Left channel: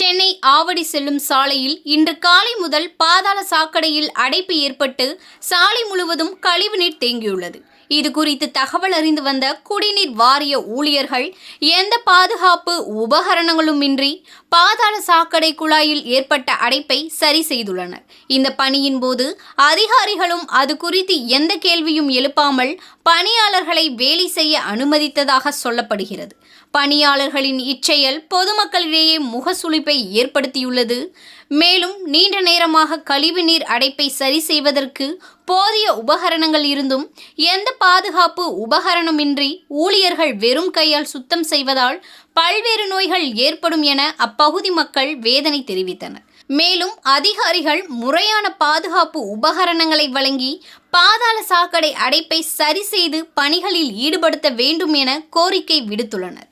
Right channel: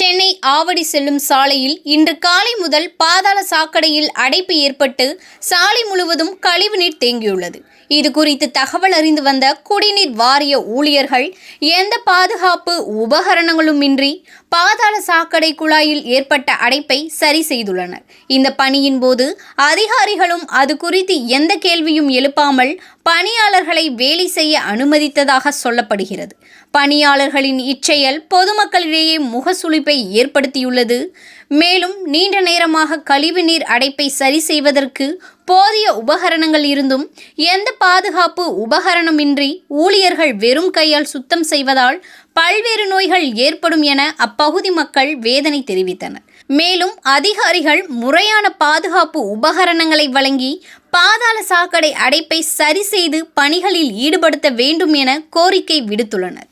சென்னை ஆவடி செல்லும் சாலையில் இன்று காலை முதல் பாதாள சாக்கடையில் அடைப்பு ஏற்பட்டு சாலை முழுவதும் கழிவுநீர் தேங்கியுள்ளது. இது குறித்து தகவல் அறிந்து வந்த குடிநீர் வாரிய ஊழியர்கள் எந்த பாதுகாப்பு உபகரணங்களுமின்றி பாதாள சாக்கடை குழாயில் ஏற்பட்ட அடைப்பை சரி செய்துள்ளனர். இந்த பணியின் போது அதிகாரிகளும் அது குறித்து எந்த கேள்வியும் எழுப்பாமல் பணியாளர்களை வேலை செய்ய அனுமதித்ததாக சொல்லப்படுகிறது. பணியாளர்களின் இச்செயல் பொதுமக்களிடையே முகசுளிப்பை ஏற்படுத்தியுள்ளது. மேலும் நீண்ட நேரமாக கழிவுநீர் அடைப்பை சரி செய்வதற்கு போதிய உபகரணங்கள் இருந்தும் எந்த பாதுகாப்பு உபகரணமின்றி ஊழியர்கள் வெறும் கையால் சுத்தம் செய்வதால் பல்வேறு நோய்கள் ஏற்படும் என அப்பகுதி மக்கள் வேதனை தெரிவித்தனர். மேலும் அதிகாரிகள் முறையான பாதுகாப்பு உபகரணங்களை வழங்கி பாதாள சாக்கடை அடைப்பை சரி செய்து பணிகளில் ஈடுபடுத்த வேண்டும் என கோரிக்கை விடுத்துள்ளனர்.